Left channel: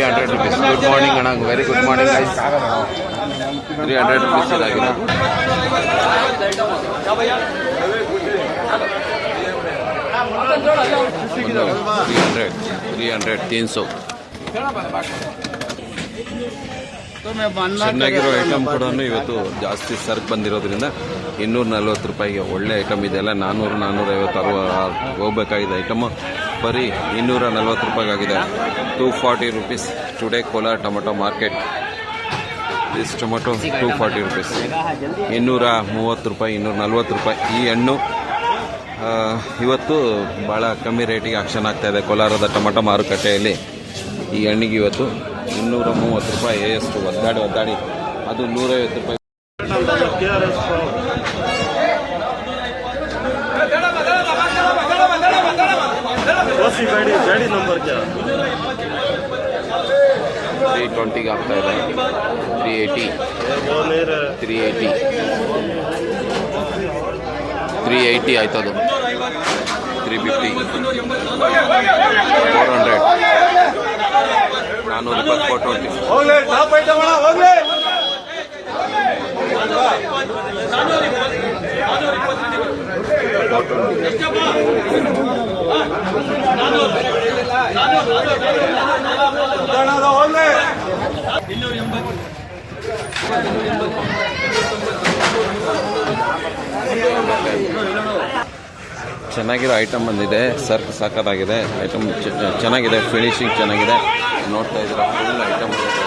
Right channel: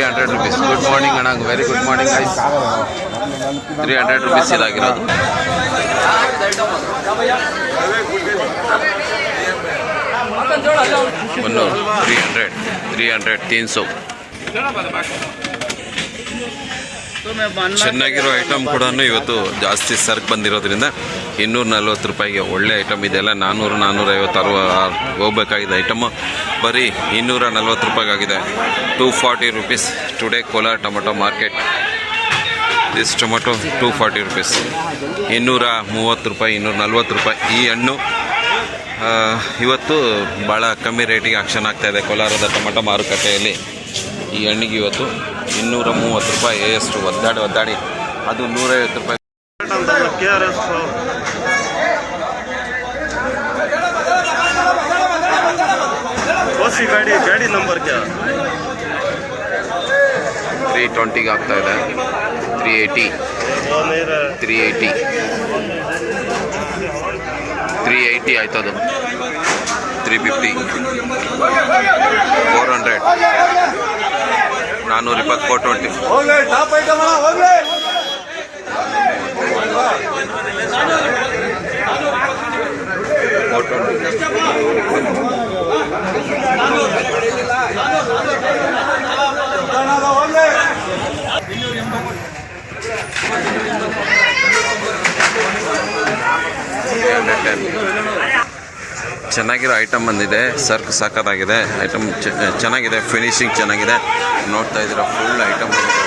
300 rupees. Good morning Anna, very good morning guys. 300 rupees ಇದಾಗಿರೋದು. ಒಂದು 300 300 ಚೆನ್ನಾಗಿರೋ item ಕೂಡ ಇವತ್ತು ಜಾಸ್ತಿ ಸರ್ಕ್ ಬಂದಿರೋದ್ರಿಂದ 240 ರೂಪಾಯಿಗೆ ಒಳ್ಳೆ ಐಟಮ್ ಇದೆಲ್ಲ. 400 450 ಹೋಗ್ಬೇಕಾಗಿದೆ ಐಟಮು ಬರೀ 240 ರೂಪಾಯಿಗಾಗಿದೆ. 240 rupees today Kolar tomato market. This tomato 240 rupees. 230 ರೂಪಾಯಿ 240 ರೂಪಾಯಿ ಈ ಹಣ್ಣು ಇವತ್ತು ಭಾಳ ಕಮ್ಮಿ ರೇಟಿಗೆ ಆಕ್ಷನ್ ಆಗ್ತಾಯಿದೆ ಕೋಲಾರದ ಟೊಮೆಟೊ ಮಾರುಕಟ್ಟೆಯಲ್ಲಿ. ಈ ಹಣ್ಣಿಗೆ ಇವತ್ತು 230 ರೂಪಾಯಿ ಎಷ್ಟು ಒದ್ದಾಡಿ ಅದು 150 ರೂಪಾಯಿ. ಗಾಡಿ ನಂಬರ್ 320 ಆಗ್ತಾ ಇದೆ. 380 ಆಯ್ತದು. 350 400 420 420 ಚೆನ್ನಾಗಿರೋ ಐಟಮ್ ಬಂದಿದೆ. ಸರ್ಕ್ ಸಾಕಾಗಿದೆ. ಐಟಮ್ ಚೆನ್ನಾಗಿದೆ, ಫಿನಿಶಿಂಗ್ ಚೆನ್ನಾಗಿದೆ. ನೋಡ್ತಾ ಇದ್ದೀರಾ ಫುಲ್ ಐಟಮ್ ಬಂದಿದೆ.